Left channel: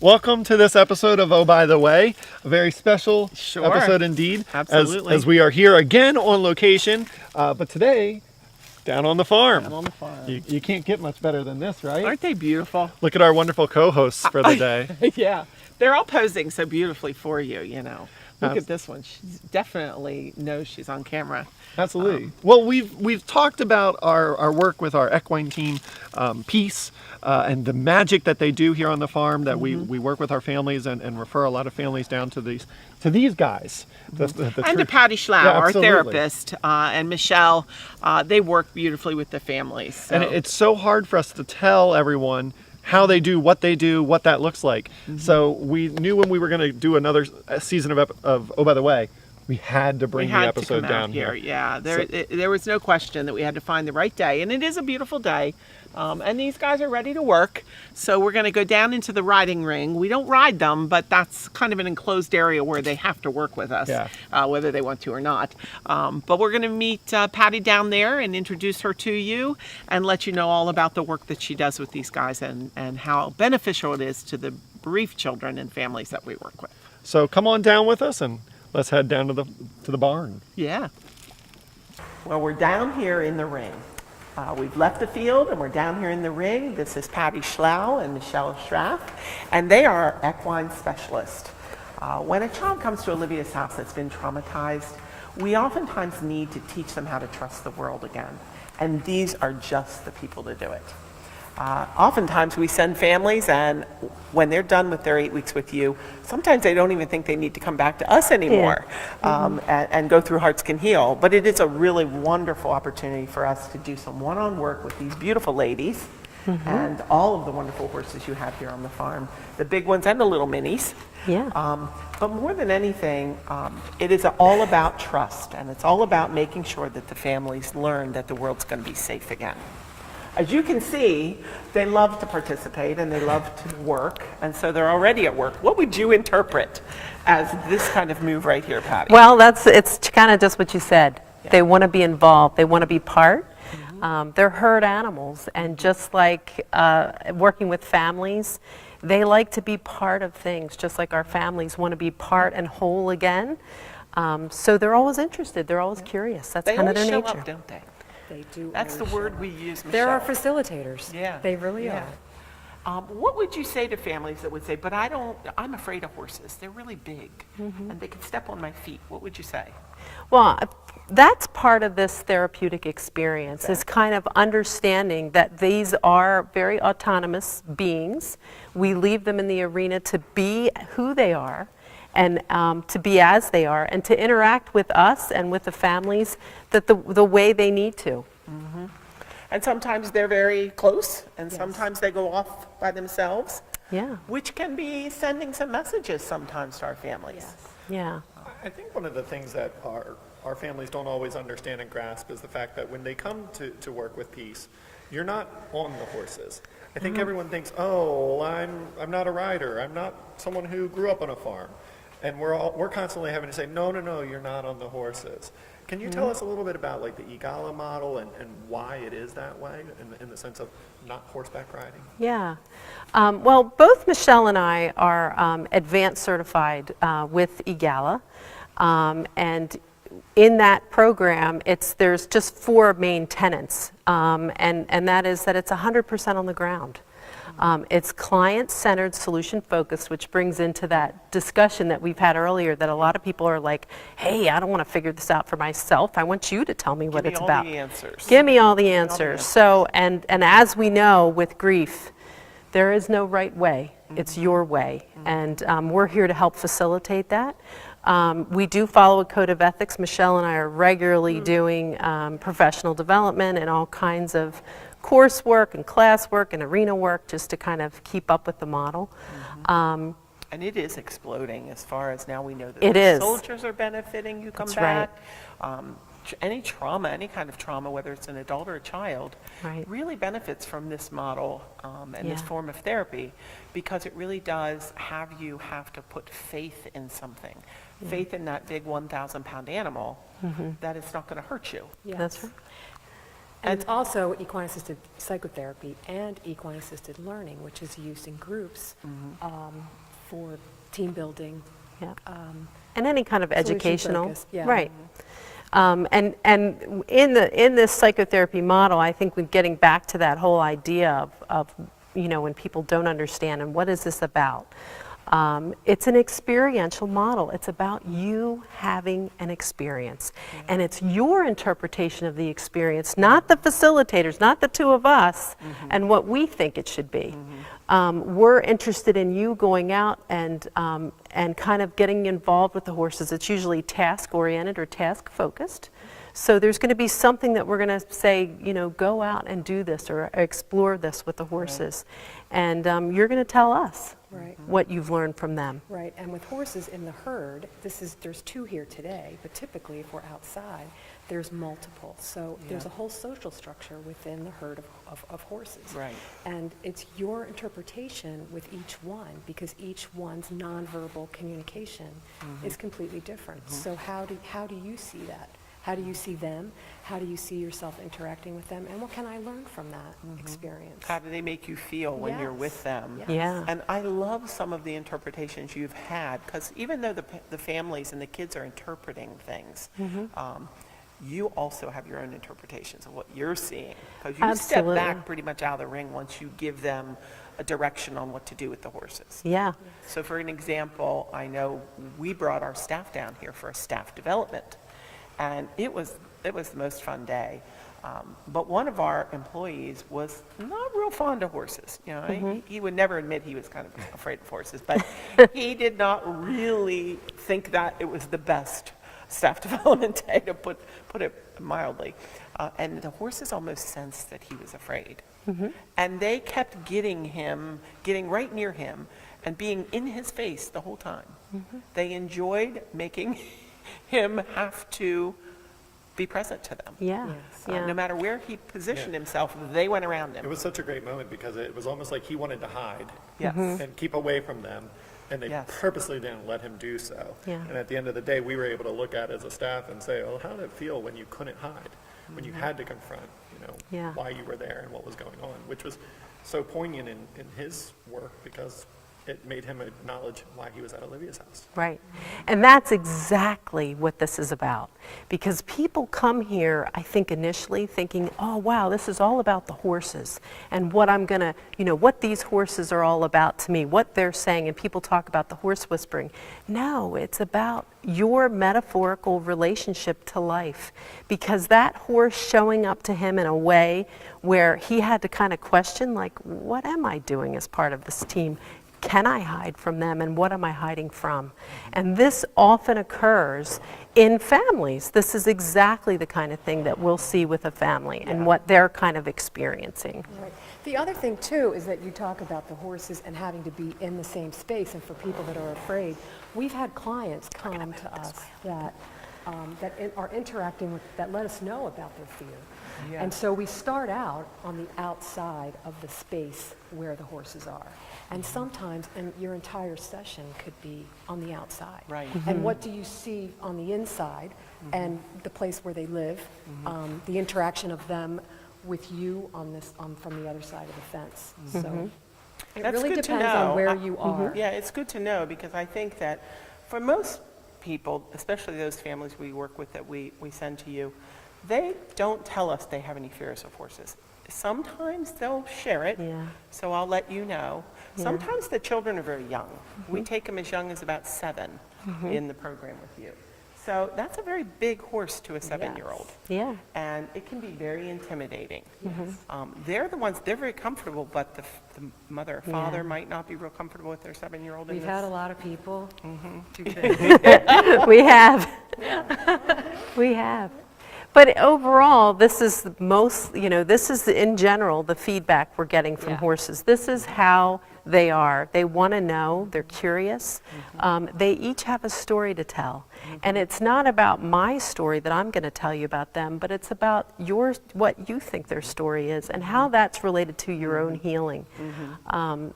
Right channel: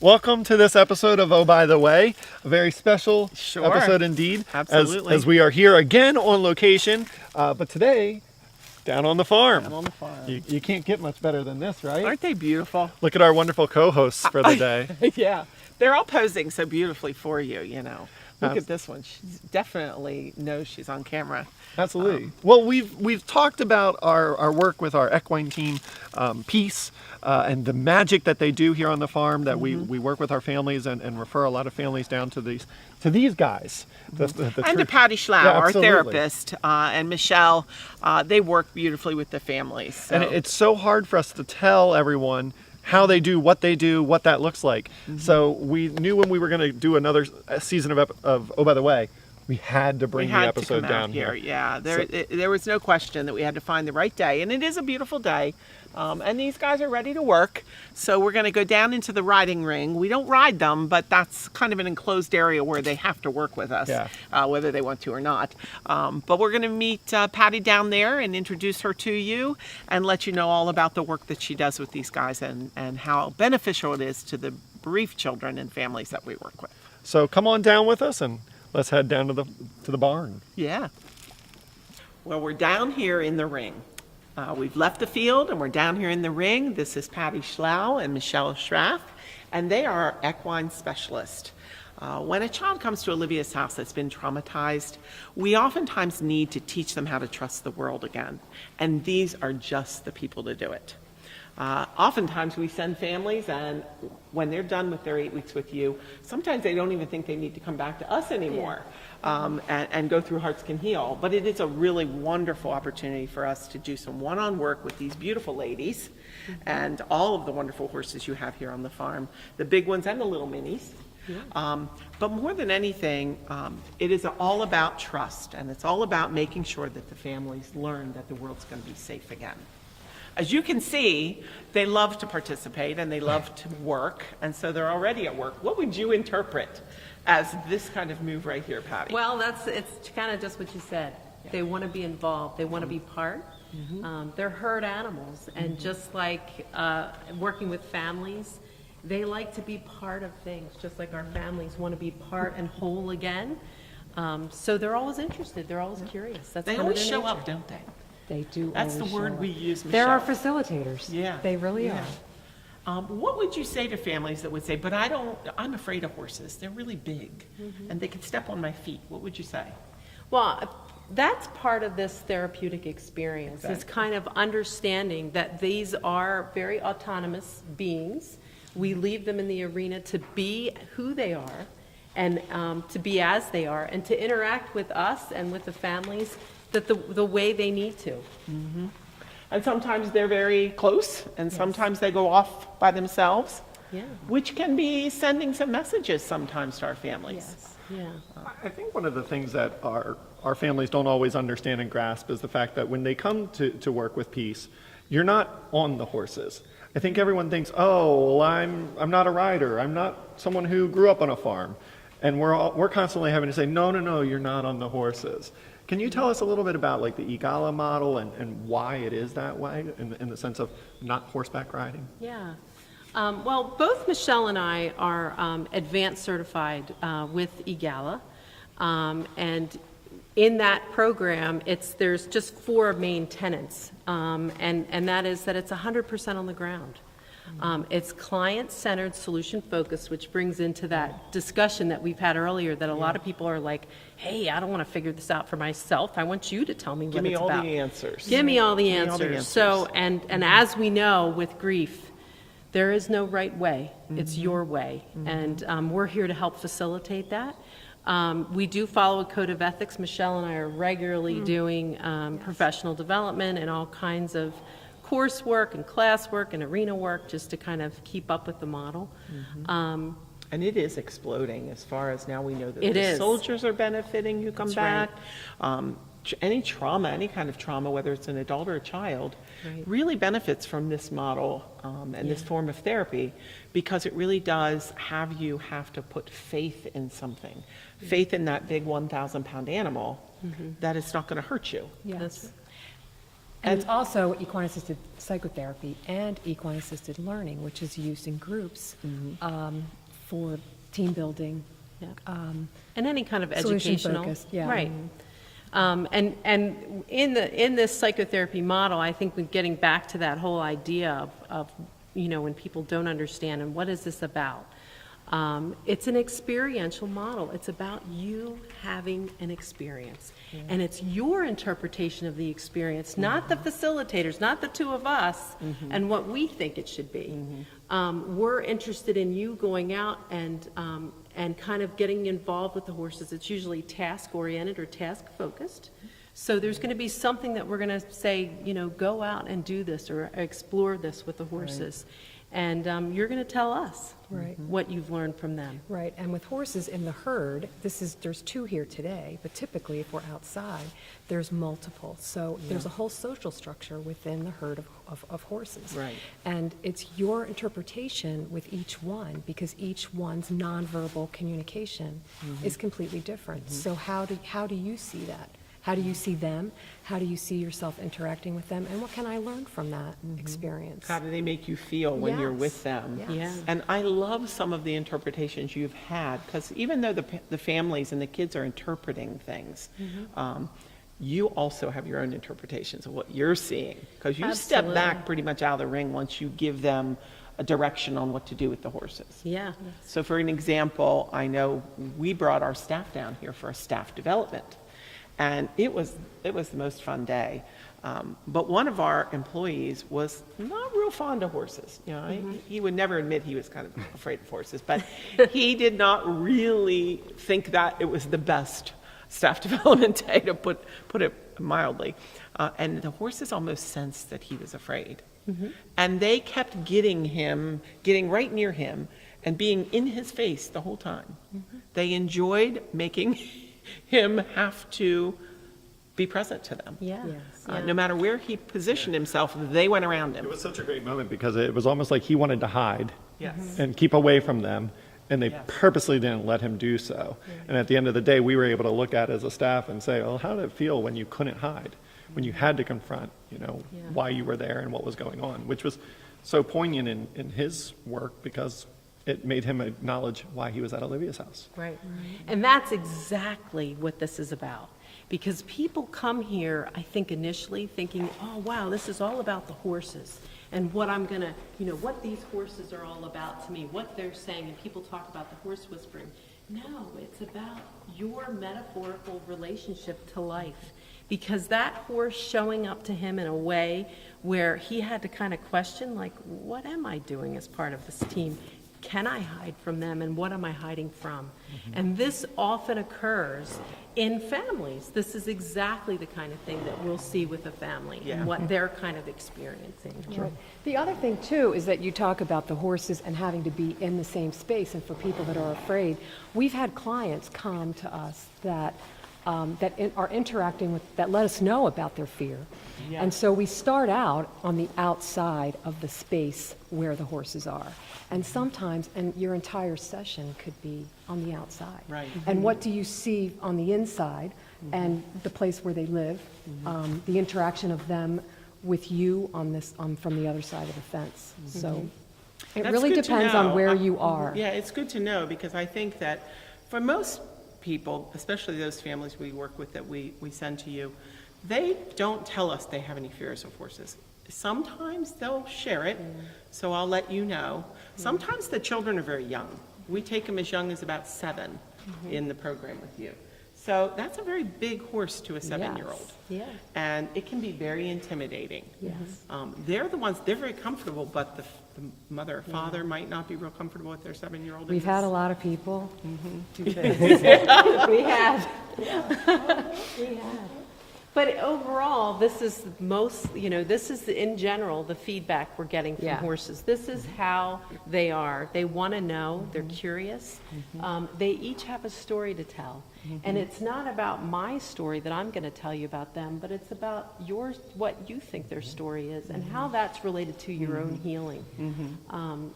Welcome to this episode of Oh By The Way, a very special episode indeed. Absolutely. As we are here again on location, but today, down on the farm. Down on the farm. You can't get much better than this, right? Aren't they beautiful? Look at our wonderful co-hosts for the day. Yeah, they're all posing so beautifully for you, you know. Look at this one. She definitely knows she's on camera. Absolutely. Well, we've talked about our work with our equine team, P.E.A.C.E, and the magic that they do here on the farm. That we work with our families and refer a lot of families down to these guys. And to Patty Slough, our therapist, and Michelle. They work beautifully with the families. So. And it's so hard for us to tell everyone how they do, what that looks like. So we knew when we were going to do another season of Oh By The Way, we had to bring the episode down here. Yeah, there was no question that we had to find the right day, and it is a beautiful day. And these guys are ready to work, so we're going to go down into the riding ring. We don't ride them, but that's kind of an enclosed area where they have to work with us, whether they want to or not. But we're going to meet Patty down there and introduce her to you and let you know all about the work that she does with these guys and how beneficial it is to the bereaved children and families that we work with. So come on down with us and let's head down to the barn. Yeah. Well, we're down here in the ring. We've left the field and we're down here in the ring. This is Patty Slough and Michelle Schraff, and they are equine specialists. When a child comes to Olivia's house that's been traumatized, we oftentimes need to teach them how to trust the world again, and these are just the people to do it. Oftentimes we send families, and when they're done with their 8 weeks with you, sometimes they don't even think they need to come back to us anymore and go through Hearts Can Heal. But it is a really wonderful opportunity for us to do some one-on work with these beautiful ladies and all of the wonderful horses you have here on the farm, the big ones and the little minis. Yeah. But more than anything, it is all about trust, and it's all about making sure that the families learn that the world's going to be safe again. As you can see, they love to participate and they love to work, and so they're already at work. What would you interpret as this kind of move right here, Patty? Well, it's kind of just what you said. Yeah. They want to be involved. They want to be part. They're herd animals, and just like working with families, they like to be part of things, just like our families want to be part and whole again. So they're always interested. They're always curious. That's kind of their nature. They always show up, don't they? They do. That's the word we use, Michelle. They're our facilitators. Yeah. They really are. What would you say to families that would say, but I'm afraid of horses. They're really big and they can step on my feet. What would you say? Well, that's part of this therapeutic experience, is kind of understanding that these are very autonomous beings. We leave them in the arena to be who they are and to be as they are and to interact with us and with the families that the way they need to. And sometimes they're very close, and sometimes they go off by themselves, which can be sending some messages sometimes to our families. Yeah. I think one of the things that our families don't always understand and grasp is the fact that when they come to work with P.E.A.C.E, you're not on the horses. I think everyone thinks, oh, well, I'm not a rider. I'm not someone who grew up on a farm. And we're constantly having to say, no, you're not on the horses. Can you tell us a little bit about like the Ecollar Model and why it is that way in the sense of not horseback riding? Yeah. Well, both Michelle and I are advanced certified with Ecollar. And in that program, there's just 4 main tenets. And that is that it's 100% on the ground. It's client-centered, solution-focused, which brings into that discussion that we've had earlier that a lot of people are like, hey, I don't want to figure this out for myself. I want you to tell me what it's about. Give me all the answers. Give me all the answers. So, and as we know with grief, there is no right way. It's your way. And we're here to help facilitate that. We do follow a code of ethics. Michelle and I are regularly doing professional development and all kinds of coursework and classwork and arena work just to kind of keep up with the model. And it is exploding as far as now we know that the soldiers are benefiting who come back. Any trauma, any kind of trauma, whether it's an adult or a child, really benefits from this model and this form of therapy, because it really does have you have to put faith in something. Faith in that big 1,000-pound animal that it's not going to hurt you. That's right. And it's also equine-assisted psychotherapy and equine-assisted learning, which is used in groups for team building. Yeah. And any kind of Solution educational, focused, yeah. right. And in this psychotherapy model, I think we're getting back to that whole idea of when people don't understand and what is this about. It's an experiential model. It's about you having an experience. And it's your interpretation of the experience, not the facilitators, not the two of us, and what we think it should be. We're interested in you going out and kind of getting involved with the horses. It's usually task-oriented or task-focused. So there's going to be something that we're going to say, go out and do this or explore this with the horses. And you're going to tell us what you've learned from them. Right, and with horses in the herd, there's 2 here today, but typically if we're outside, there's multiple. So there's a whole social structure within the herd of horses. Right. And it's your interpretation with each one, because each one's nonverbal communication is completely different. So how do you see that? How do you see them? How do you see yourself interacting with them? And what can I learn from that experience? How do they make you feel when you're Yes. with them? Yes. Yeah. And I love some of the interpretations you've had, because even though the families and the kids are interpreting things, you also have your own interpretations of what you're seeing, because you step Absolutely. back pretty much out of the ring once you give them a direction on what to do with the horses. Yeah. So for an example, I know we brought our staff down here for a staff development, and it was the most fun day. But one of our employees was not real fond of horses. He would never admit he was kind of afraid of horses, but he did not really think that it was the best staff development day, to put it mildly. And the horses almost sensed that he was afraid. And they kept getting right near him and being in his face the whole time. They enjoyed making him have to be present to them. Yeah. No matter where he positioned himself, they went around It him. was such a great moment because it was almost like he wanted to hide Yes. and keep away from them, and they Yes. purposely didn't let him do so. Yeah. And at the end of the day, we were able to look at it as a staff and say, well, how did it feel when you couldn't hide, when you had to confront, Yeah. why you were there and what was going on, which was so poignant in his work because it made him acknowledge why he was at Olivia's house. Right. And that's exactly what this is about. Because people come here, I think, initially thinking, oh, wow, this is all about the horses and what I'm going to, what these horses are all about to me, what they're saying. And people talk about the horse whispering. No, it's about your metaphorical relationship to life. Because that horse showing up to him in a way where he had to kind of question, like, what am I doing as part of this team? Can I hide from them, and what am I hiding from? And this often occurs in families. This is exactly the kind of thing that we'll see with a family and what they're kind of experiencing. The other thing, too, is that you talk about the horses and having to be in the same space, and for people that are afraid. We've had clients come to us that are interacting with, that let us know about their fear. And so we start out on the outside of the space where the horses are. And sometimes, and your entire session could be on the outside. Right. And what do you see on the inside and the place where they live, the interaction of them with you on this, from the other side of the fence. So it That's really good to depends know. on where you are. Yeah, it's good to know, because I think that for most people, especially those families we work with that we send to you, they don't tell us they have any fears of horses. Sometimes they'll share it, so I'll let you know. Sometimes the children are very young. We take them as young as about 7 in the program with you. So that's a very big horse to a 7-year-old. Yeah. And it can be very intimidating. They're the ones, they're very comfortable, but the mother or father might not be real comfortable with their 7-year-old. We've had a lot of people. We have. We have. But overall, this is the most, this is in general the feedback we're getting from horses. This is how they are. They want to know, they're curious. They each have a story to tell. And it's not about my story that I'm going to tell you about them, but it's about what you think their story is and how that's related to your own healing. And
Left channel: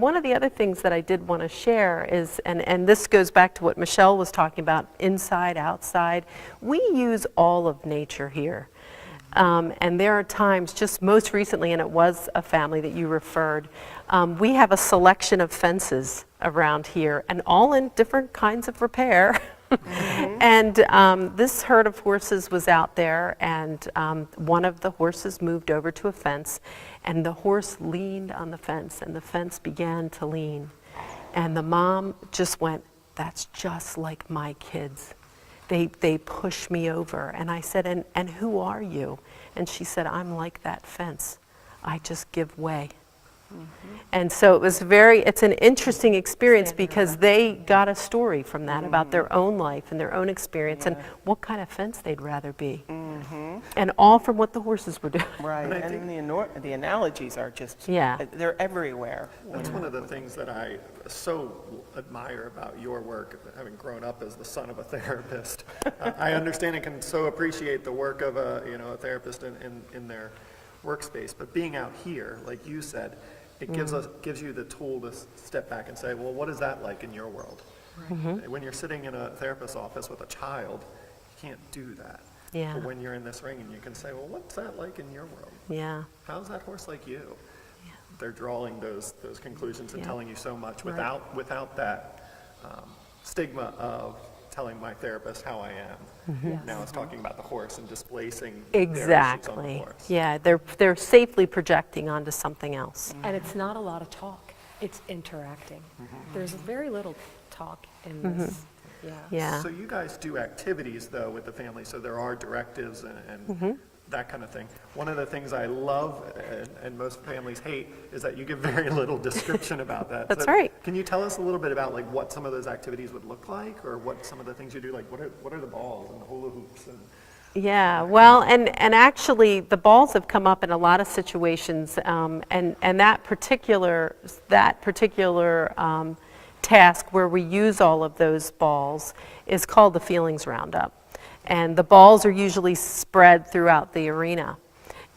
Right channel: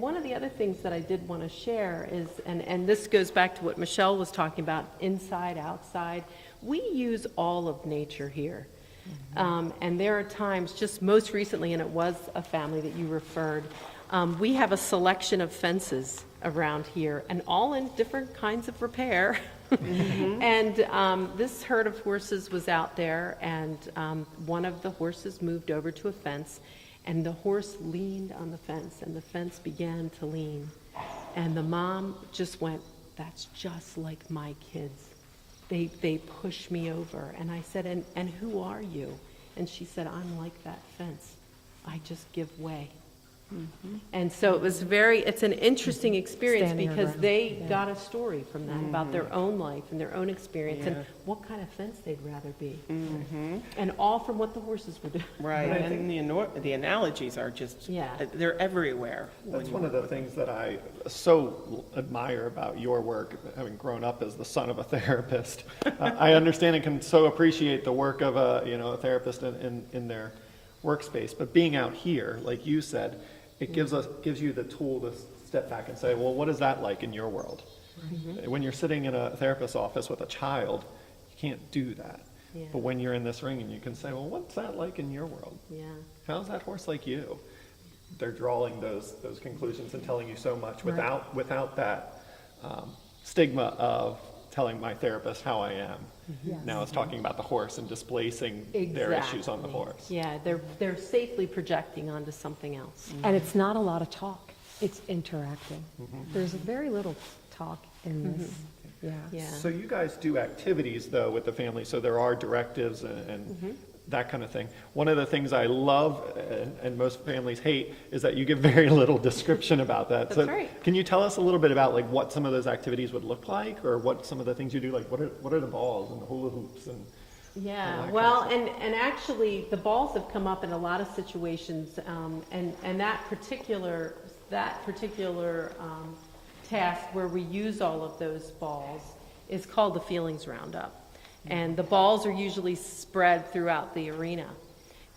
one of the other things that I did want to share is, and this goes back to what Michelle was talking about, inside, outside. We use all of nature here. And there are times, just most recently, and it was a family that you referred, we have a selection of fences around here, and all in different kinds of repair. And this herd of horses was out there, and one of the horses moved over to a fence, and the horse leaned on the fence, and the fence began to lean. And the mom just went, "That's just like my kids. They push me over." And I said, and who are you? And she said, "I'm like that fence. I just give way." And so it was it's an interesting experience Standing because around. they got a story from that about their own life and their own experience and what kind of fence they'd rather be. And all from what the horses were doing. Right, and the analogies are just, Yeah. they're everywhere. That's one of the things that I so admire about your work, having grown up as the son of a therapist. I understand and can so appreciate the work of a therapist in their workspace, but being out here, like you said, it gives you the tool to step back and say, well, what is that like in your world? When you're sitting in a therapist's office with a child, you can't do that. Yeah. But when you're in this ring and you can say, well, what's that like in your world? Yeah. How's that horse like you? They're drawing those conclusions and telling you so much without that stigma of telling my therapist how I am. Now it's talking about the horse and displacing their issues on the Exactly. horse. Yeah, they're safely projecting onto something else. And it's not a lot of talk, it's interacting. There's very little talk in this, Yeah. So you guys do activities though with the family, so there are directives and that kind of thing. One of the things I love and most families hate is that you give very little description about that. That's So right. Can you tell us a little bit about like what some of those activities would look like, or what some of the things you do, like what are the balls and the hula hoops and Yeah, well, and actually, the balls have come up in a lot of situations, and that particular task where we use all of those balls is called the feelings roundup, and the balls are usually spread throughout the arena,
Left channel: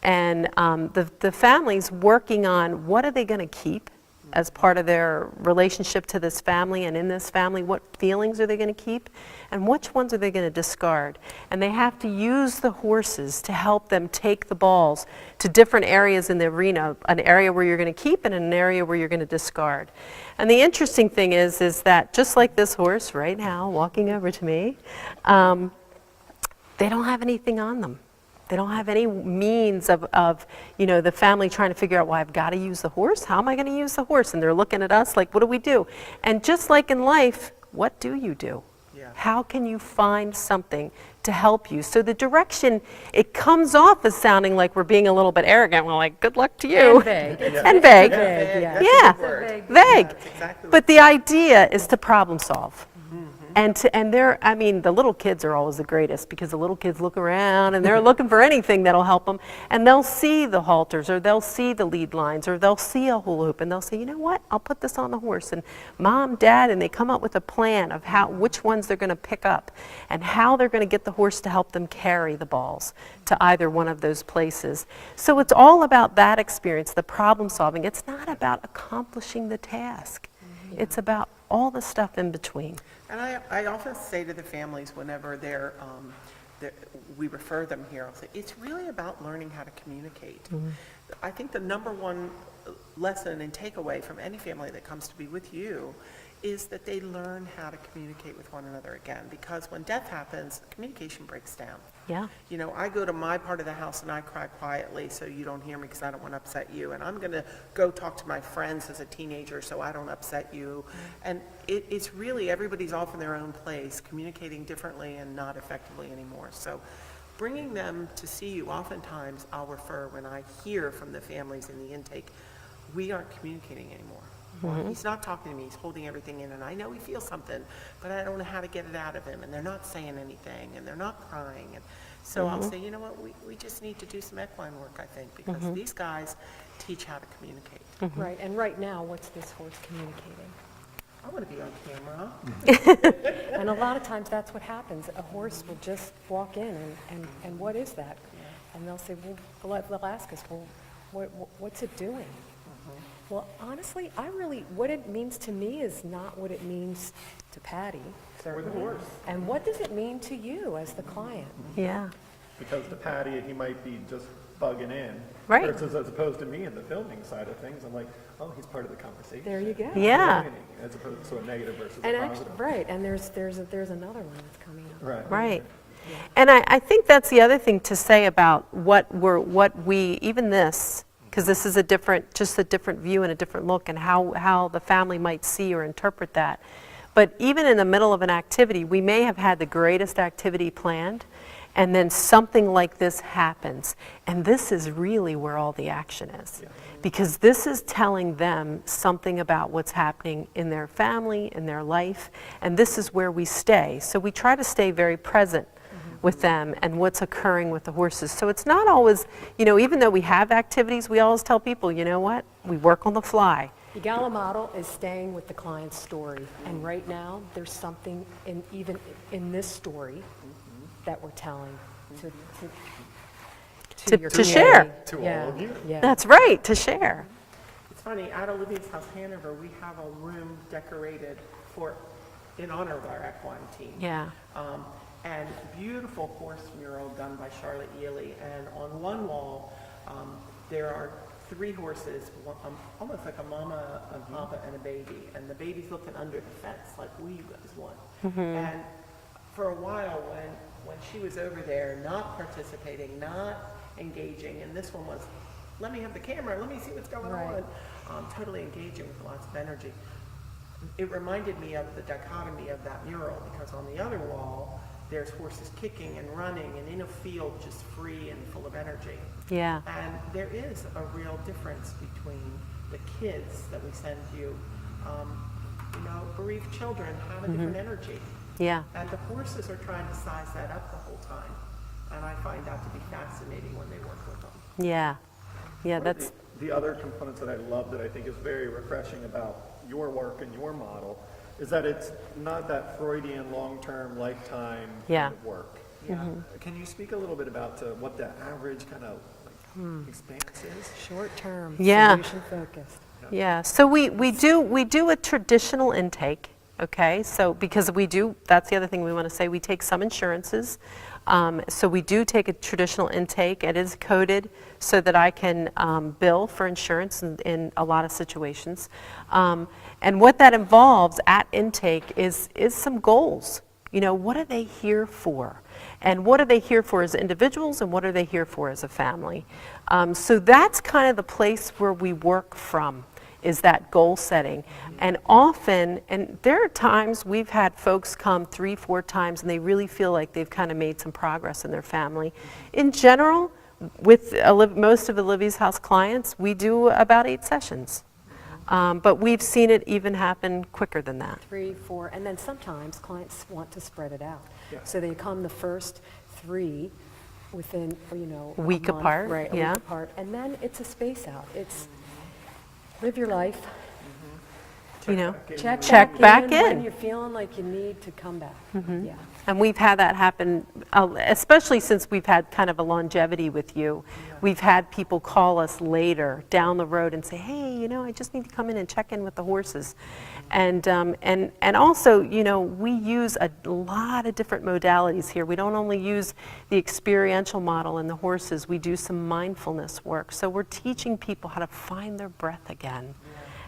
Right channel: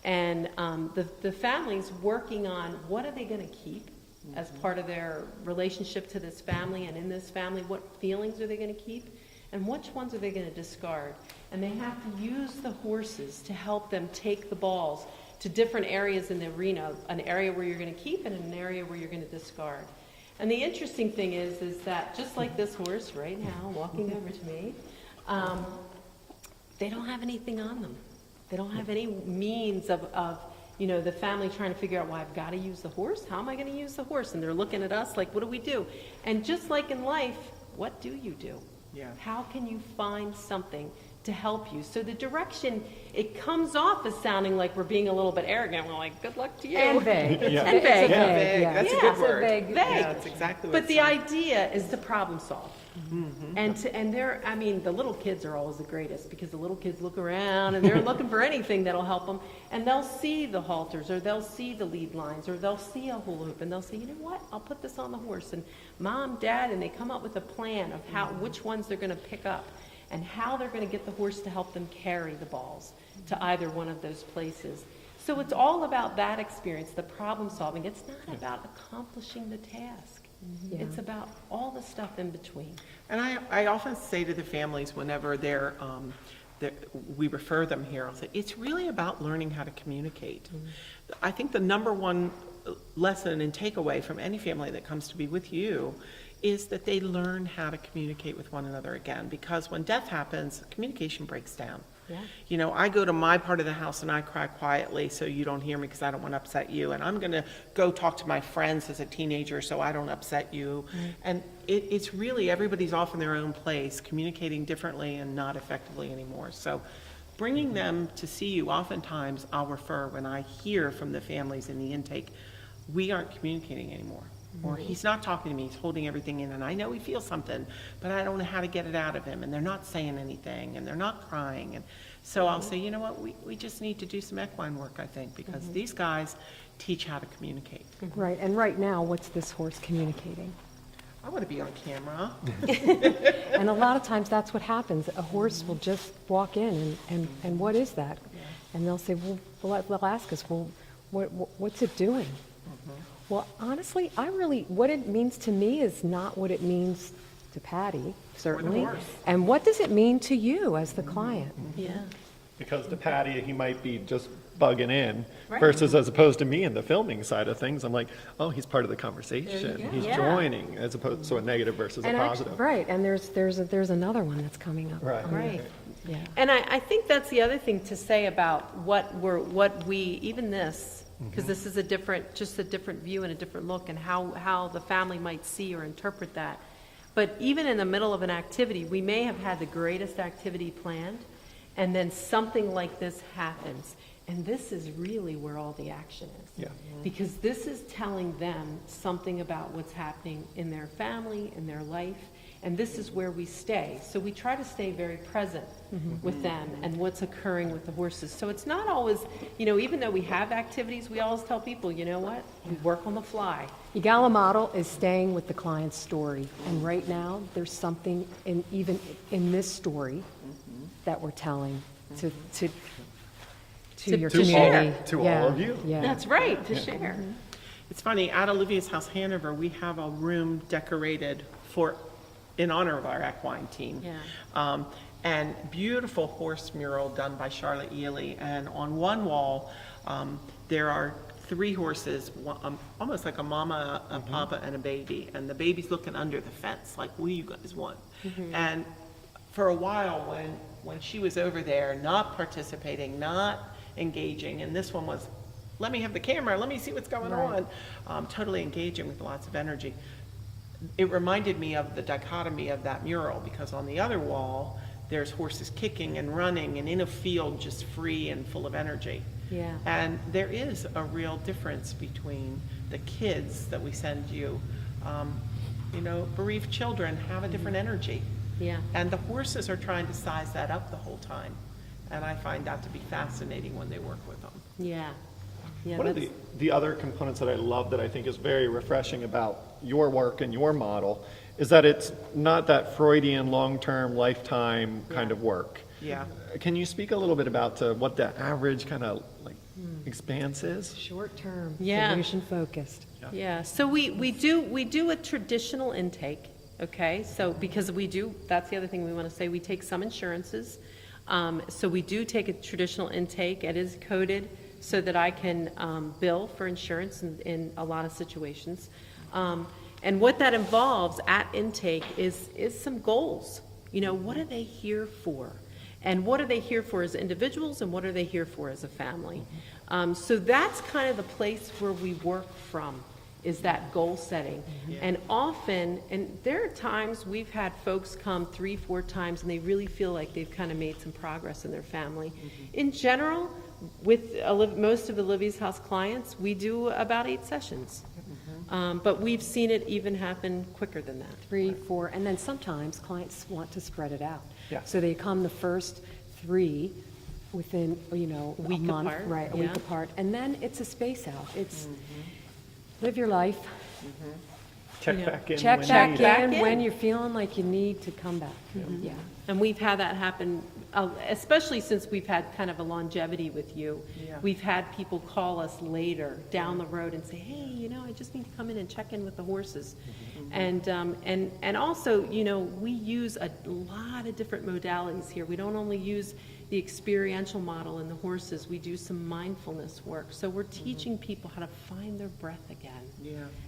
and the family's working on what are they going to keep as part of their relationship to this family, and in this family, what feelings are they going to keep? And which ones are they going to discard? And they have to use the horses to help them take the balls to different areas in the arena, an area where you're going to keep and an area where you're going to discard. And the interesting thing is that just like this horse right now walking over to me, they don't have anything on them. They don't have any means of the family trying to figure out, well, I've got to use the horse. How am I going to use the horse? And they're looking at us like, what do we do? And just like in life, what do you do? Yeah. How can you find something to help you? So the direction, it comes off as sounding like we're being a little bit arrogant. We're like, good luck to you. And vague. And vague. Vague, yeah. That's Yeah. a good word. Vague. Vague. That's exactly what But the idea is to problem solve. And the little kids are always the greatest because the little kids look around and they're looking for anything that'll help them. And they'll see the halters or they'll see the lead lines or they'll see a hula hoop and they'll say, you know what, I'll put this on the horse. And mom, dad, and they come up with a plan of which ones they're going to pick up and how they're going to get the horse to help them carry the balls to either one of those places. So it's all about that experience, the problem solving. It's not about accomplishing the task. It's about all the stuff in between. And I often say to the families whenever we refer them here, I'll say, it's really about learning how to communicate. I think the number one lesson and takeaway from any family that comes to be with you is that they learn how to communicate with one another again, because when death happens, communication breaks down. Yeah. You know, I go to my part of the house and I cry quietly so you don't hear me because I don't want to upset you. And I'm going to go talk to my friends as a teenager so I don't upset you. And it's really, everybody's off in their own place, communicating differently and not effectively anymore. So bringing them to see you, oftentimes I'll refer when I hear from the families in the intake, we aren't communicating anymore. Or he's not talking to me, he's holding everything in, and I know he feels something, but I don't know how to get it out of him, and they're not saying anything, and they're not crying. And so I'll say, you know what, we just need to do some equine work, I think, because these guys teach how to communicate. Right, and right now, what's this horse communicating? I want to be on camera. And a lot of times, that's what happens. A horse will just walk in, and what is that? And they'll say, well, they'll ask us, well, what's it doing? Well, honestly, what it means to me is not what it means to Patty, certainly. horse. And what does it mean to you as the client? Yeah. Because to Patty, he might be just bugging in, Right. versus as opposed to me in the filming side of things, I'm like, oh, he's part of the conversation. There you go. He's Yeah. joining, as opposed to a negative versus a And positive. right, and there's another one that's coming up. Right. Right. And I think that's the other thing to say about what we, even this, because this is just a different view and a different look, and how the family might see or interpret that. But even in the middle of an activity, we may have had the greatest activity planned, and then something like this happens. And this is really where all the action is. Yeah. Because this is telling them something about what's happening in their family, in their life, and this is where we stay. So we try to stay very present with them and what's occurring with the horses. So it's not always, even though we have activities, we always tell people, you know what, we work on the fly. Ecollar Model is staying with the client's story, and right now, there's something even in this story that we're telling to your To share. community. To Yeah, all of you. Yeah. That's right, to share. It's funny, at Olivia's House Hanover, we have a room decorated in honor of our equine team. Yeah. And beautiful horse mural done by Charlotte Ely. And on one wall, there are 3 horses, almost like a mama, a papa, and a baby. And the baby's looking under the fence, like, will you guys want? And for a while, when she was over there, not participating, not engaging, and this one was, let me have the camera, let me see what's going on, totally engaging with lots of energy. It reminded me of the dichotomy of that mural, because on the other wall, there's horses kicking and running and in a field just free and full of energy. Yeah. And there is a real difference between the kids that we send you. Bereaved children have a different energy. Yeah. And the horses are trying to size that up the whole time. And I find that to be fascinating when they work with them. Yeah. Yeah, One of that's, the other components that I love that I think is very refreshing about your work and your model is that it's not that Freudian long-term lifetime Yeah. kind of work. Yeah. Can you speak a little bit about what the average kind of expanse is? Short-term, Yeah. solution-focused. yeah. So we do a traditional intake, okay? So because that's the other thing we want to say, we take some insurances. So we do take a traditional intake. It is coded so that I can bill for insurance in a lot of situations. And what that involves at intake is some goals. What are they here for? And what are they here for as individuals, and what are they here for as a family? So that's kind of the place where we work from, is that goal setting. And often, and there are times we've had folks come 3-4 times and they really feel like they've kind of made some progress in their family. In general, with most of Olivia's House clients, we do about 8 sessions. But we've seen it even happen quicker than that. 3, 4, and then sometimes clients want to spread it out. Yeah. So they come the first 3 within, a Week month, apart, right, a yeah. week apart, and then it's a space out. It's live your life, Check You know, back in. check when- back in in. when you're feeling like you need to come back. Yeah. And we've had that happen, especially since we've had kind of a longevity with you. We've had people call us later down the road and say, hey, I just need to come in and check in with the horses. And also, we use a lot of different modalities here. We don't only use the experiential model in the horses, we do some mindfulness work. So we're teaching people how to find their breath again,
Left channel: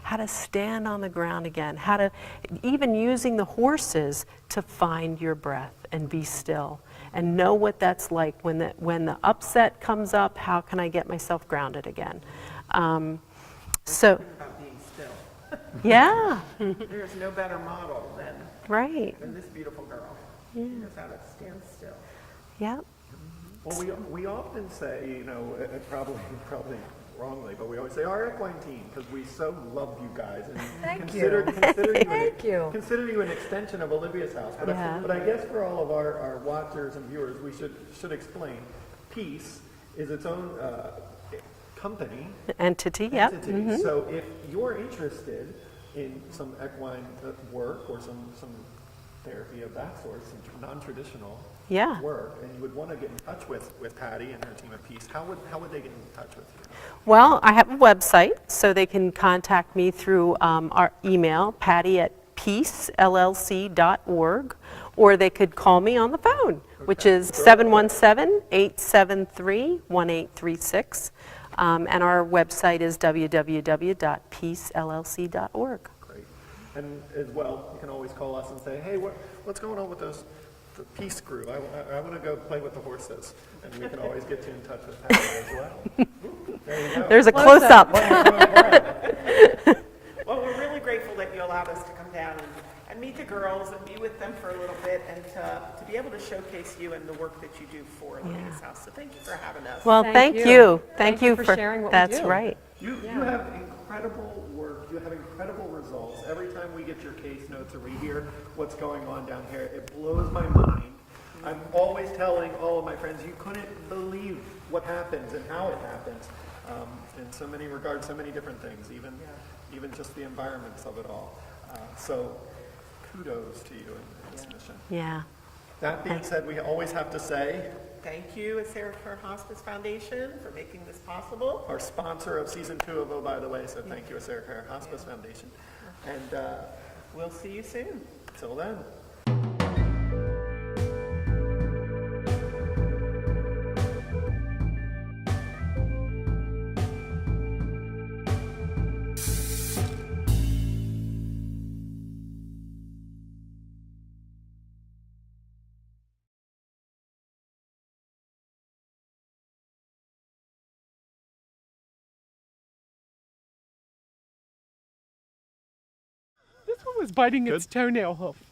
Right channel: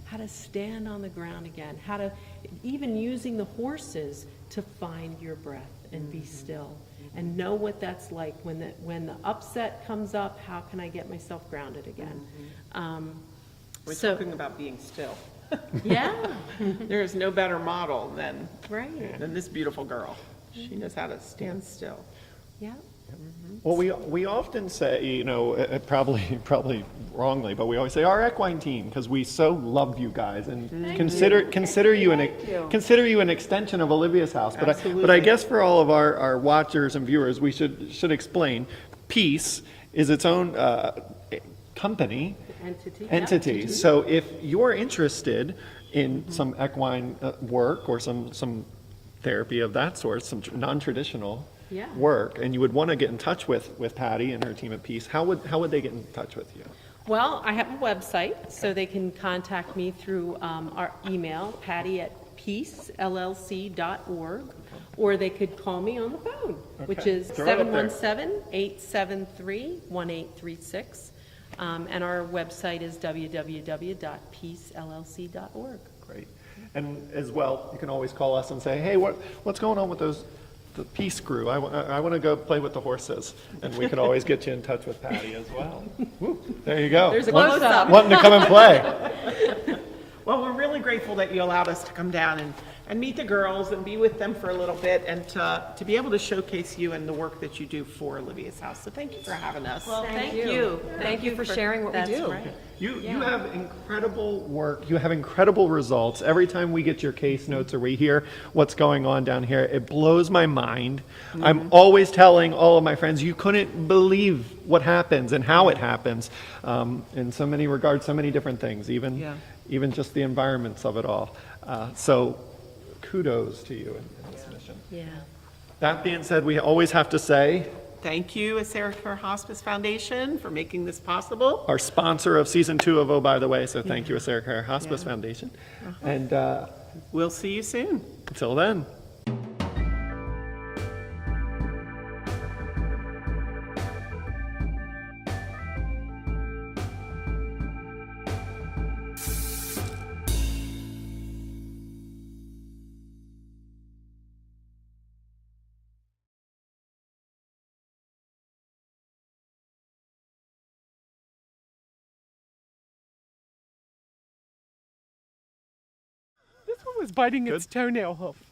how to stand on the ground again, how to, even using the horses to find your breath and be still and know what that's like when the upset comes up. How can I get myself grounded again? We're talking about being still. Yeah, There is no better model than right, this beautiful girl. She knows how to stand still. yeah. Well, we often say, probably wrongly, but we always say our equine team because we so love you guys and consider you consider you an extension of Olivia's house. But I guess for all of our watchers and viewers, we should explain. P.E.A.C.E is its own company. Entity, yep. So if you're interested in some equine work or some therapy of that sort, some non-traditional Yeah. work, and you would want to get in touch with Patty and her team at P.E.A.C.E, how would they get in touch with you? Well, I have a website, so they can contact me through our email, patty@peacellc.org, or they could call me on the phone, which is 717-873-1836. And our website is www.peacellc.org. Great. And as well, you can always call us and say, hey, what's going on with the P.E.A.C.E crew? I want to go play with the horses. And we could always get you in touch with Patty as well. Woo, there you go. There's a close-up. Wanting to come and play. Well, we're really grateful that you allowed us to come down and meet the girls and be with them for a little bit and to be able to showcase you and the work that you do for Olivia's house. So thank you for having us. Well, Thank thank you. you. Thank you for sharing what we That's do. right. You have incredible work. You have incredible results. Every time we get your case notes or we hear what's going on down here, it blows my mind. I'm always telling all of my friends, you couldn't believe what happens and how it happens in so many regards, so many different things, even just the environments of it all. So kudos to you in this mission. Yeah. That being said, we always have to say, Thank you, Sarah Hospice Foundation, for making this possible. our sponsor of season 2 of Oh, by the way, so thank you, Sarah Hospice Foundation. And We'll see you soon. until then. This one was biting its toenail hoof.